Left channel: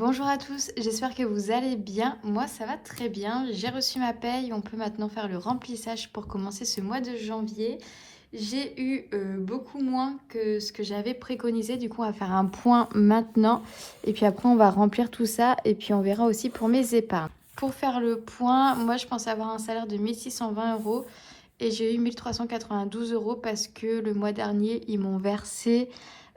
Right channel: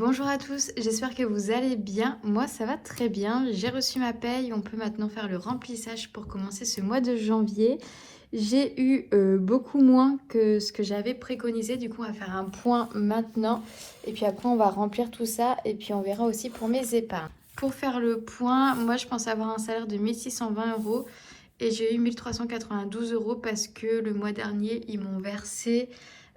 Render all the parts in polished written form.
Bonjour à tous, j'espère que vous allez bien. Moi, ça va très bien. J'ai reçu ma paye. On peut maintenant faire le remplissage pour commencer ce mois de janvier. J'ai eu beaucoup moins que ce que j'avais préconisé. Du coup, on va faire un point maintenant. Et puis après, on va remplir tout ça. Et puis, on verra aussi pour mes épargnes. Pour faire le point, moi, je pense avoir un salaire de 1620 euros. Et j'ai eu 1392 euros parce que le mois dernier, ils m'ont versé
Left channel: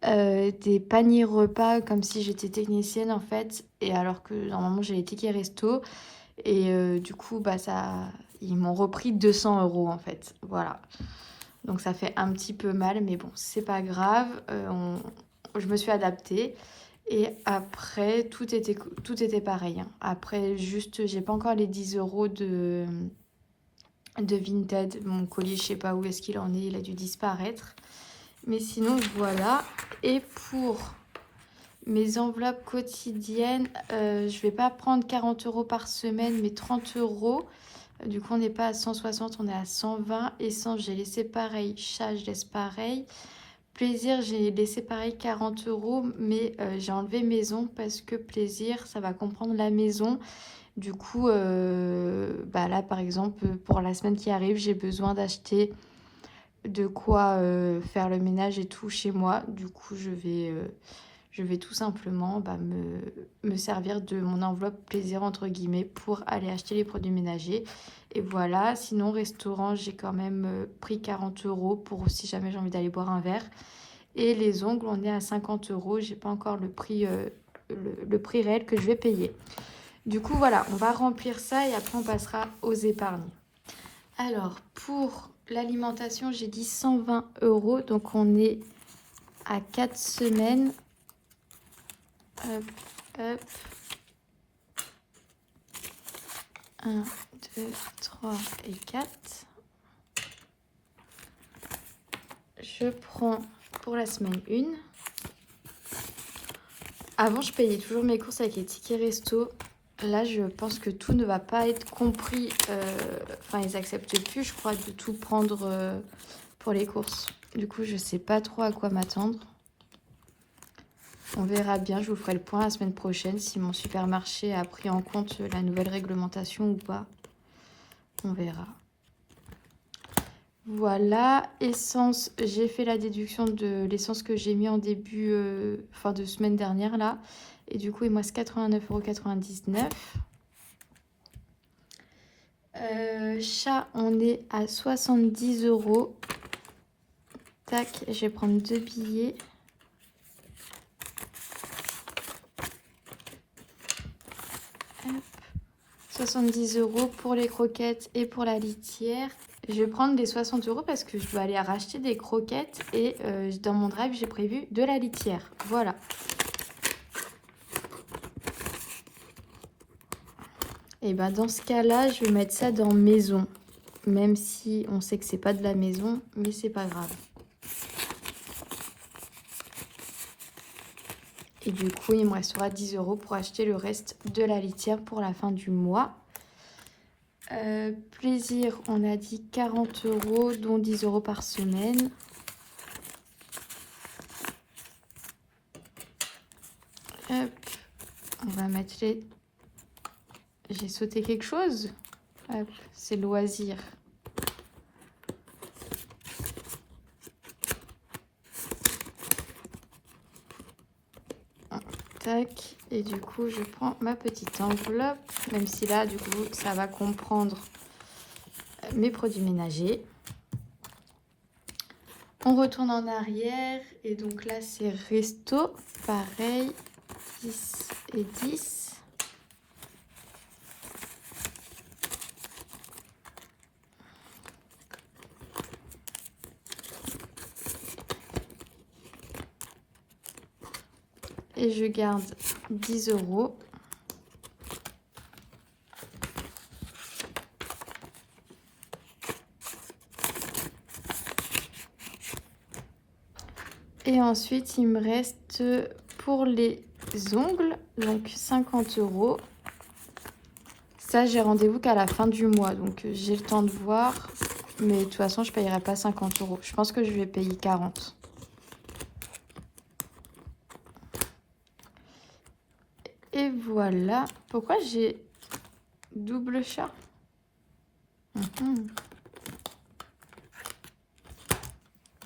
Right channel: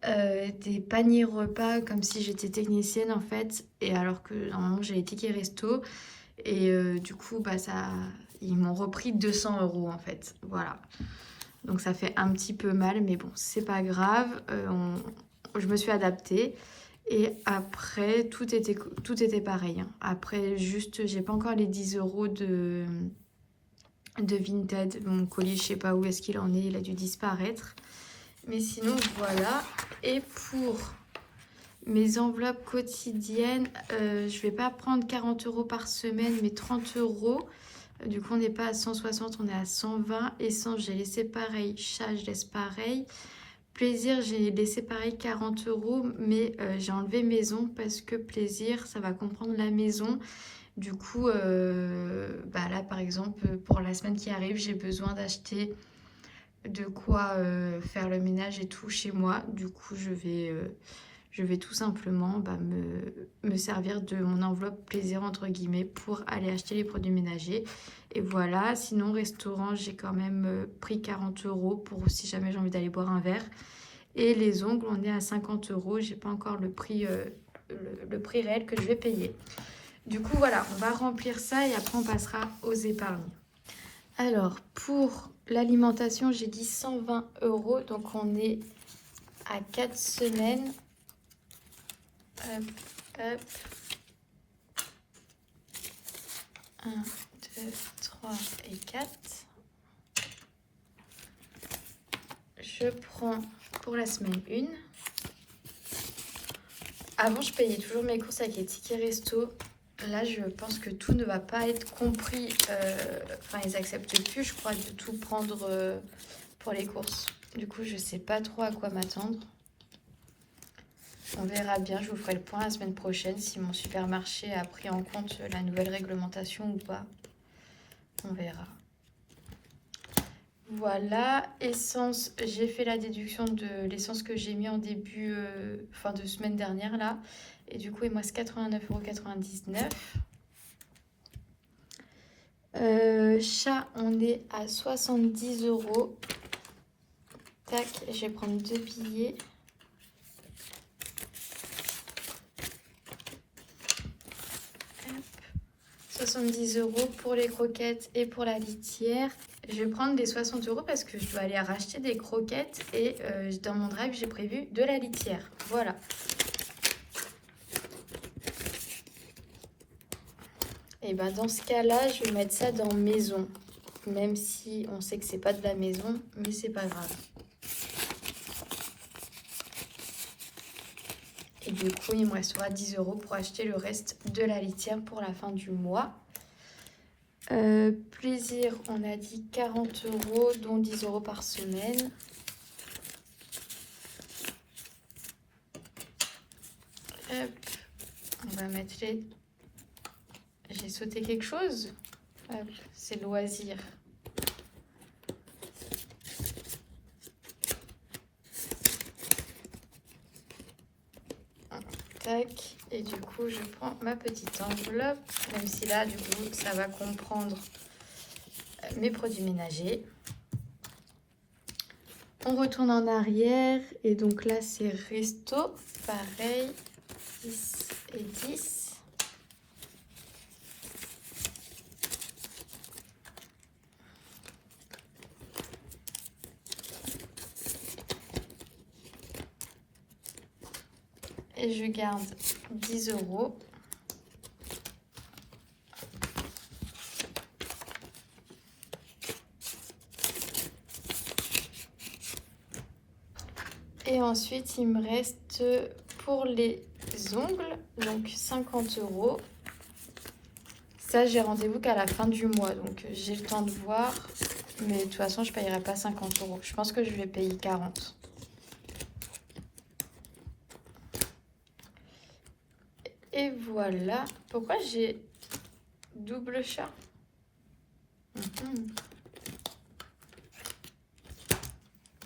des paniers repas comme si j'étais technicienne en fait, et alors que normalement j'ai les tickets resto, et du coup bah ils m'ont repris 200 euros en fait, voilà. Donc ça fait un petit peu mal, mais bon, c'est pas grave, je me suis adaptée. Et après, tout était pareil, hein. Après, juste, j'ai pas encore les 10 euros de Vinted. Mon colis, je sais pas où est-ce qu'il en est, il a dû disparaître. Mais sinon, voilà. Et pour mes enveloppes quotidiennes, je vais pas prendre 40 euros par semaine, mais 30 euros. Du coup, on n'est pas à 160, on est à 120. Essence, j'ai laissé pareil. Chat, je laisse pareil. Plaisir, j'ai laissé pareil 40 euros, mais j'ai enlevé maison parce que plaisir, ça va comprendre la maison. Du coup, bah là, par exemple, pour la semaine qui arrive, j'ai besoin d'acheter de quoi faire le ménage et tout chez moi. Du coup, je vais tout simplement me servir de mon enveloppe plaisir entre guillemets pour aller acheter les produits ménagers. Et voilà, sinon restaurant, j'ai quand même pris 40 euros pour si jamais j'ai envie d'aller boire un verre. Et les ongles, on est à 50 euros. J'ai pas encore le prix réel que je vais payer. Du coup, voilà, on va remplir ça et après on passera aux épargnes. Alors, pour l'alimentation, j'ai dit 120 euros. Donc, on est à 4 semaines. Hop, hop. 1, 2, 3 et 4. Je prends pour la semaine 1. Avant, je payais toujours mes courses avec les tickets resto. Là, je pense que tout ne va pas être compris. Enfin, ils acceptent plus, je crois, de tout prendre pour les courses. Du coup, je sais pas trop à quoi m'attendre. On verra bien, je vous ferai le point la semaine prochaine si mon supermarché a pris en compte la nouvelle réglementation ou pas. On verra. Voilà, essence, j'ai fait la déduction de l'essence que j'ai mis en début, fin de semaine dernière là. Et du coup, il me reste 89,99 €. Chat, on est à 70 euros. Tac, je vais prendre 2 billets. Hop. 70 euros pour les croquettes et pour la litière. Je vais prendre des 60 euros parce que je dois aller racheter des croquettes et dans mon drive, j'ai prévu de la litière. Voilà. Et ben dans ce cas-là, je vais mettre ça dans maison. Même si on sait que c'est pas de la maison, mais c'est pas grave. Et du coup, il me restera 10 euros pour acheter le reste de la litière pour la fin du mois. Plaisir, on a dit 40 euros, dont 10 euros par semaine. Hop, on va mettre les... J'ai sauté quelque chose. Hop, c'est loisir. Tac, et du coup, je prends ma petite enveloppe, même si là, du coup, ça va comprendre mes produits ménagers. On retourne en arrière et donc là c'est resto, pareil, 10 et 10. Et je garde 10 euros. Et ensuite, il me reste pour les ongles, donc 50 euros. Ça, j'ai rendez-vous qu'à la fin du mois, donc j'ai le temps de voir. Mais de toute façon, je ne payerai pas 50 euros. Je pense que je vais payer 40. Et voilà. Pourquoi j'ai double chat?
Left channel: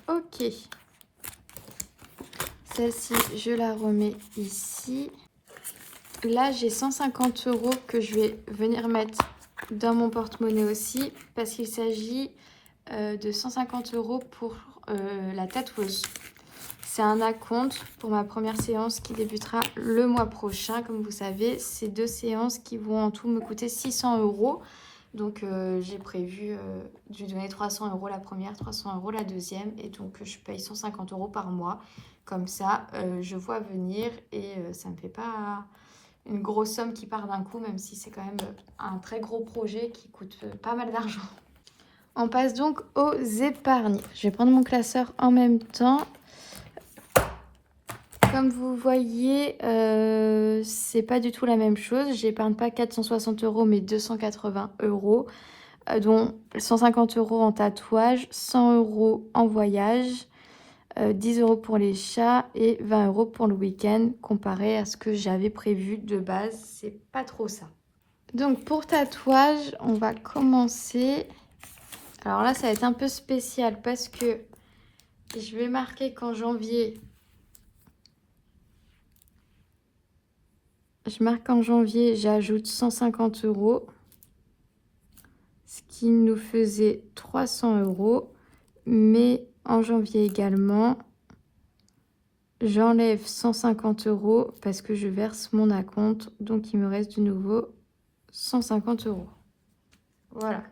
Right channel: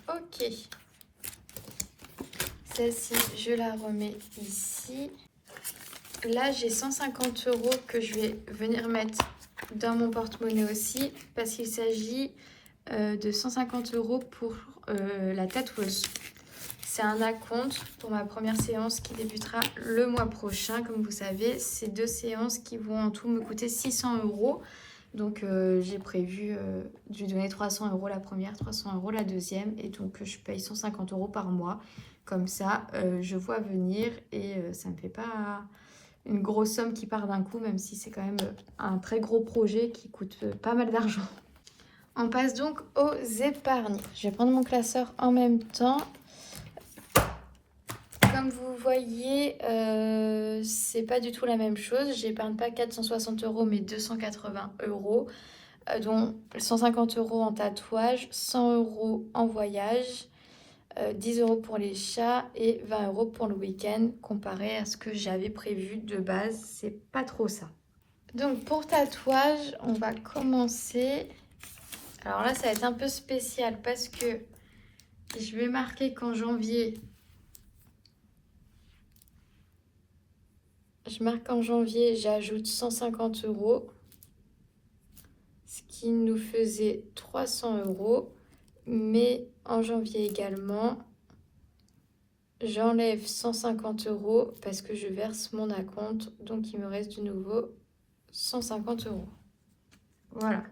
Ok. Celle-ci, je la remets ici. Là, j'ai 150 € que je vais venir mettre dans mon porte-monnaie aussi, parce qu'il s'agit de 150 € pour la tatoueuse. C'est un acompte pour ma première séance qui débutera le mois prochain. Comme vous savez, c'est 2 séances qui vont en tout me coûter 600 €. Donc, j'ai prévu de lui donner 300 € la première, 300 € la deuxième. Et donc, je paye 150 € par mois. Comme ça, je vois venir et ça ne me fait pas une grosse somme qui part d'un coup, même si c'est quand même un très gros projet qui coûte pas mal d'argent. On passe donc aux épargnes. Je vais prendre mon classeur en même temps. Comme vous voyez, c'est pas du tout la même chose. J'épargne pas 460 € mais 280 €, dont 150 € en tatouage, 100 € en voyage, 10 € pour les chats et 20 € pour le week-end. Comparé à ce que j'avais prévu de base, c'est pas trop ça. Donc pour tatouage, on va commencer. Alors là, ça va être un peu spécial parce que je vais marquer qu'en janvier, j'ajoute 150 €, ce qui nous faisait 300 €. Mais en janvier également, j'enlève 150 € parce que je verse mon acompte. Donc, il me reste de nouveau 150 €. Voilà.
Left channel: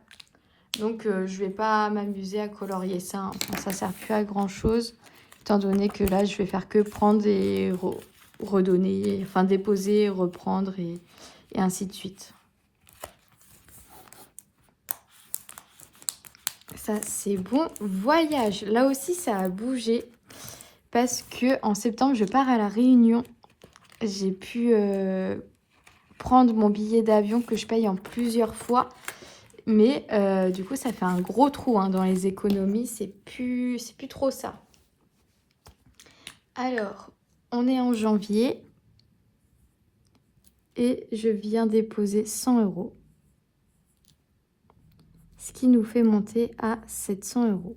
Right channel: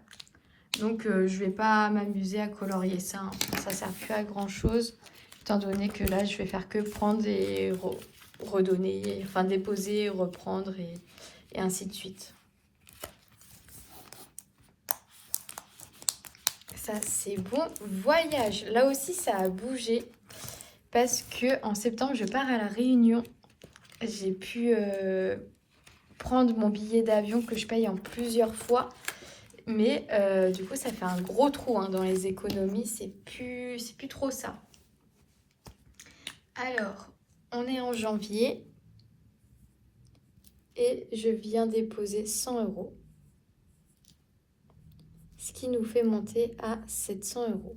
Donc, je vais pas m'amuser à colorier ça. Hein. Ça ne sert plus à grand-chose. Étant donné que là, je vais faire que prendre et redonner, enfin déposer, reprendre et ainsi de suite. Ça, c'est bon. Voyage. Là aussi, ça a bougé. Parce que en septembre, je pars à La Réunion. J'ai pu prendre mon billet d'avion que je paye en plusieurs fois. Mais du coup, ça fait un gros trou hein, dans les économies. C'est plus trop ça. Alors, on est en janvier. Et je viens déposer 100 €. Ce qui nous fait monter à 700 €.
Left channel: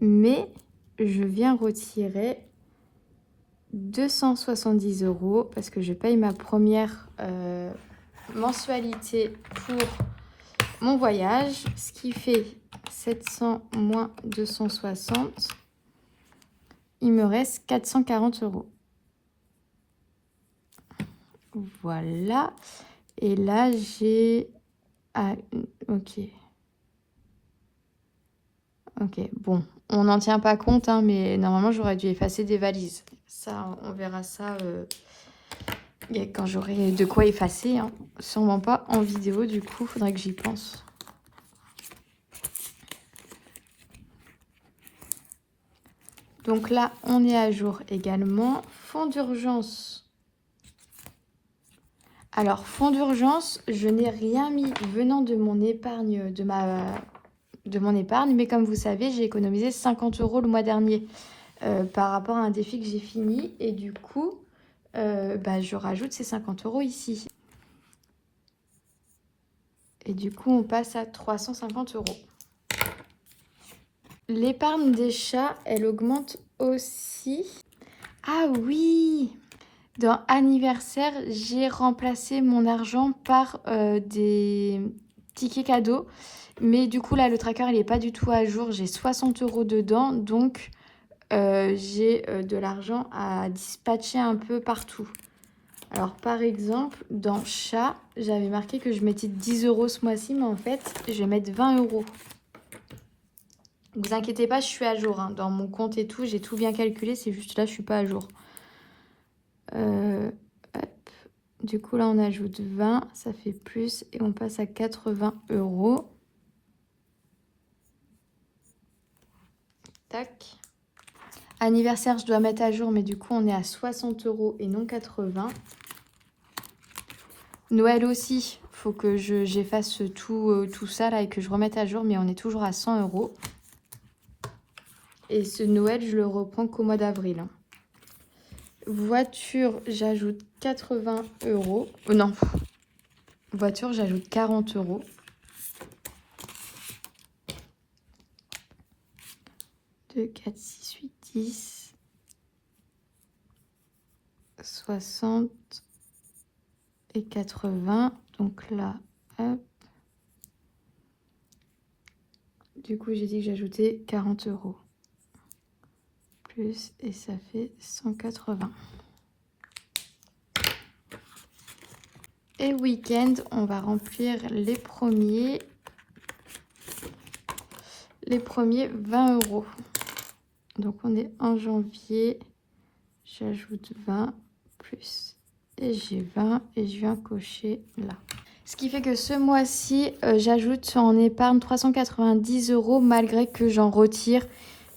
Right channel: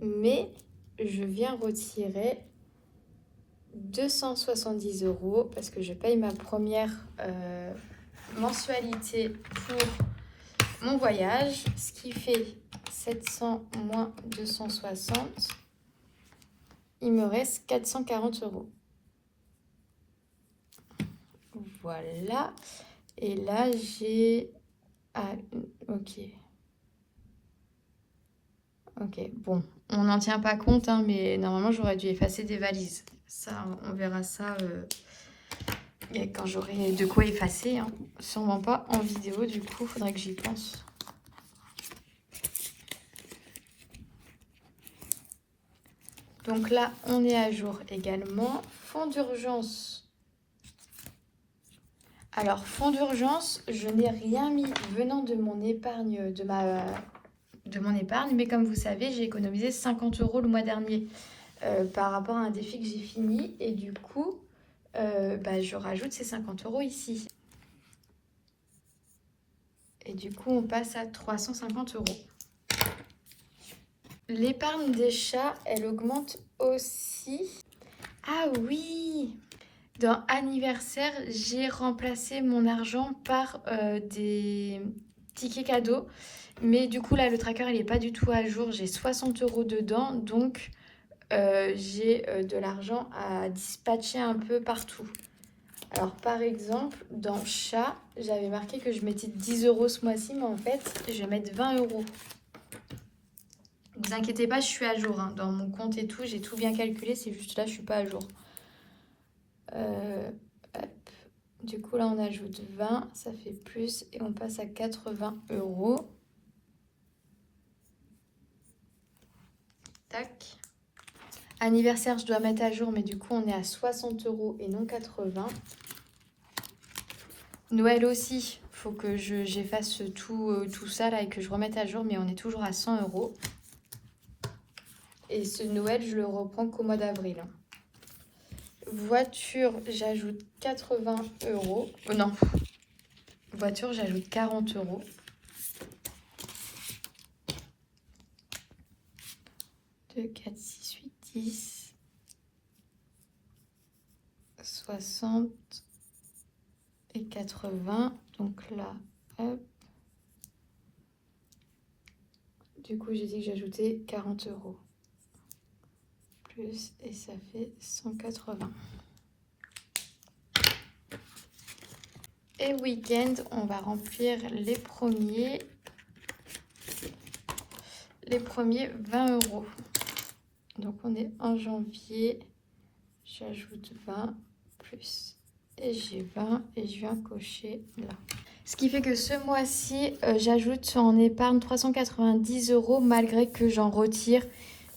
Mais je viens retirer 270 € parce que je paye ma première mensualité pour mon voyage, ce qui fait 700 moins 260, il me reste 440 €. Voilà, et là j'ai... Ah, ok. Ok, bon, on n'en tient pas compte, hein, mais normalement j'aurais dû effacer des valises. Ça, on verra ça quand j'aurai de quoi effacer. Hein. Sûrement pas en vidéo, du coup, faudrait que j'y pense. Donc là, on est à jour également. Fonds d'urgence. Alors, fonds d'urgence, je n'ai rien mis venant de mon épargne, de mon épargne, mais comme vous savez, j'ai économisé 50 € le mois dernier par rapport à un défi que j'ai fini, et du coup, je rajoute ces 50 € ici. Et du coup, on passe à 350 €. L'épargne des chats, elle augmente aussi. Ah oui! Dans anniversaire, j'ai remplacé mon argent par des tickets cadeaux. Mais du coup, là, le tracker, il n'est pas du tout à jour. J'ai 60 € dedans. Donc, j'ai de l'argent à dispatcher un peu partout. Alors, par exemple, dans chat, j'avais marqué que je mettais 10 € ce mois-ci. Mais en fait, je vais mettre 20 €. Ne vous inquiétez pas, je suis à jour. Hein. Dans mon compte et tout, j'ai tout bien calculé. C'est juste là, je ne suis pas à jour. Hop. Du coup, là, on ajoute 20. Ça fait plus. Et on passe à 80 €. Tac. Anniversaire, je dois mettre à jour. Mais du coup, on est à 60 € et non 80. Noël aussi. Il faut que j'efface tout ça là et que je remette à jour. Mais on est toujours à 100 €. Et ce Noël, je le reprends qu'au mois d'avril. voiture, j'ajoute 80 euros. Oh non, voiture, j'ajoute 40 euros. Deux, 4, 6, 8, 10, 60 et 80. Donc là, hop. Du coup, j'ai dit que j'ajoutais 40 euros. Plus, et ça fait 180. Et week-end, on va remplir les premiers 20 euros. Donc on est en janvier, j'ajoute 20 plus. Et j'ai 20 et je viens cocher là. Ce qui fait que ce mois-ci, j'ajoute en épargne 390 euros malgré que j'en retire.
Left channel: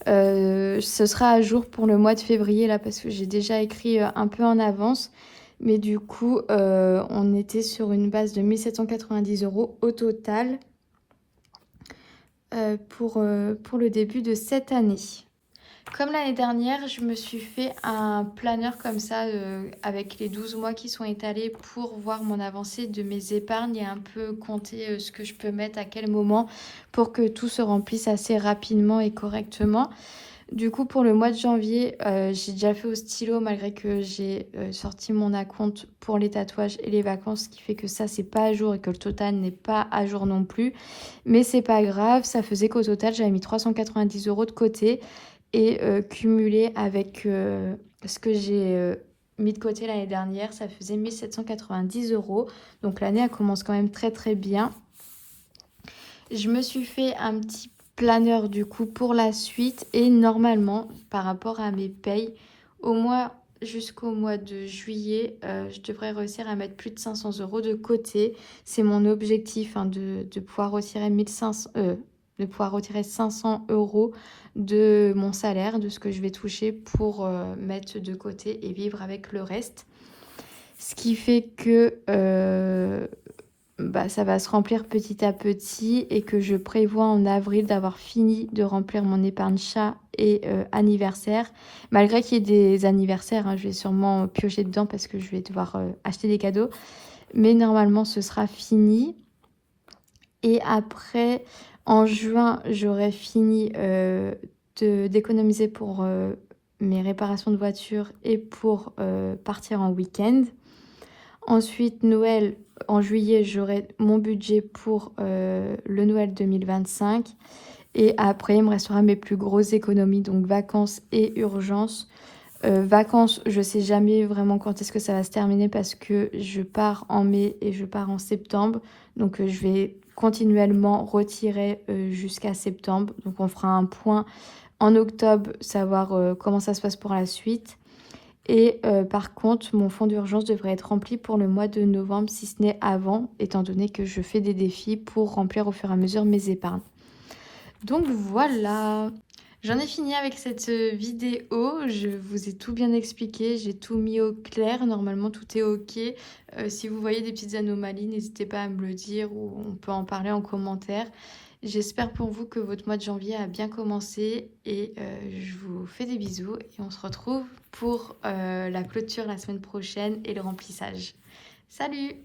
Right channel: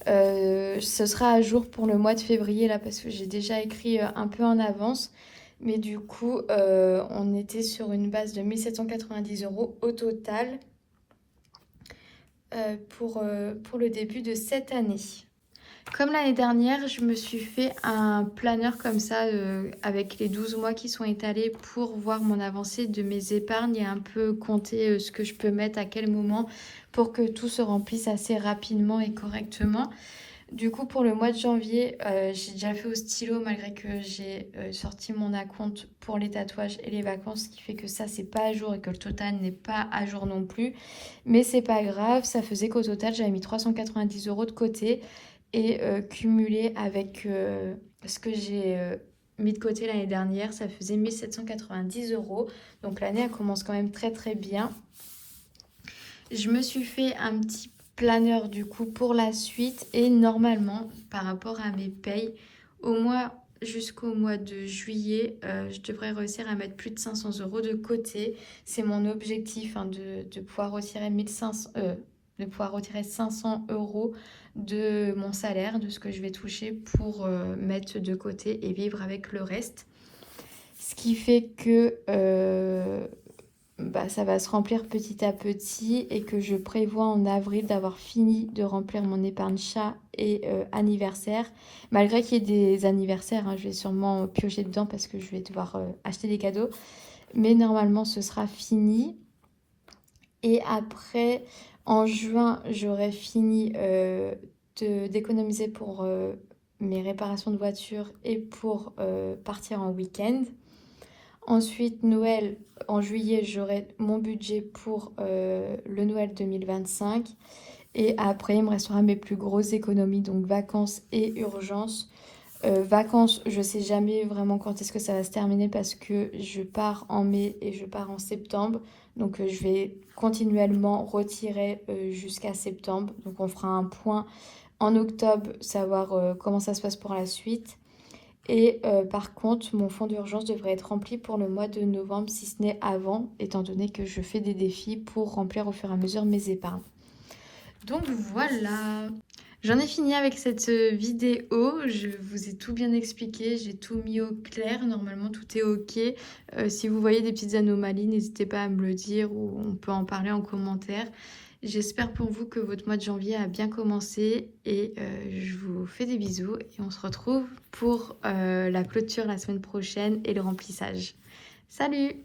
Ce sera à jour pour le mois de février là parce que j'ai déjà écrit un peu en avance. Mais du coup, on était sur une base de 1790 euros au total pour le début de cette année. Comme l'année dernière, je me suis fait un planeur comme ça avec les 12 mois qui sont étalés pour voir mon avancée de mes épargnes et un peu compter ce que je peux mettre à quel moment pour que tout se remplisse assez rapidement et correctement. Du coup, pour le mois de janvier, j'ai déjà fait au stylo malgré que j'ai sorti mon acompte pour les tatouages et les vacances, ce qui fait que ça, c'est pas à jour et que le total n'est pas à jour non plus. Mais c'est pas grave, ça faisait qu'au total, j'avais mis 390 euros de côté et cumulé avec ce que j'ai mis de côté l'année dernière, ça faisait 1790 euros. Donc l'année, elle commence quand même très très bien. Je me suis fait un petit planeur du coup pour la suite et normalement par rapport à mes payes jusqu'au mois de juillet je devrais réussir à mettre plus de 500 euros de côté. C'est mon objectif hein, de pouvoir retirer 500 euros de mon salaire, de ce que je vais toucher pour mettre de côté et vivre avec le reste, ce qui fait que ça va se remplir petit à petit et que je prévois en avril d'avoir fini de remplir mon épargne chat et anniversaire. Malgré qu'il y ait des anniversaires, hein, je vais sûrement piocher dedans parce que je vais devoir acheter des cadeaux. Mais normalement, ce sera fini. Et après, en juin, j'aurai fini d'économiser pour mes réparations de voiture et pour partir en week-end. Ensuite, Noël, en juillet, j'aurai mon budget pour le Noël 2025. Et après, il me restera mes plus grosses économies, donc vacances et urgences. Vacances, je ne sais jamais vraiment quand est-ce que ça va se terminer parce que je pars en mai et je pars en septembre. Donc, je vais continuellement retirer jusqu'à septembre. Donc, on fera un point en octobre, savoir comment ça se passe pour la suite. Et par contre, mon fonds d'urgence devrait être rempli pour le mois de novembre, si ce n'est avant, étant donné que je fais des défis pour remplir au fur et à mesure mes épargnes. Donc voilà, j'en ai fini avec cette vidéo. Je vous ai tout bien expliqué, j'ai tout mis au clair. Normalement, tout est ok. Si vous voyez des petites anomalies, n'hésitez pas à me le dire ou on peut en parler en commentaire. J'espère pour vous que votre mois de janvier a bien commencé et je vous fais des bisous et on se retrouve pour la clôture la semaine prochaine et le remplissage. Salut!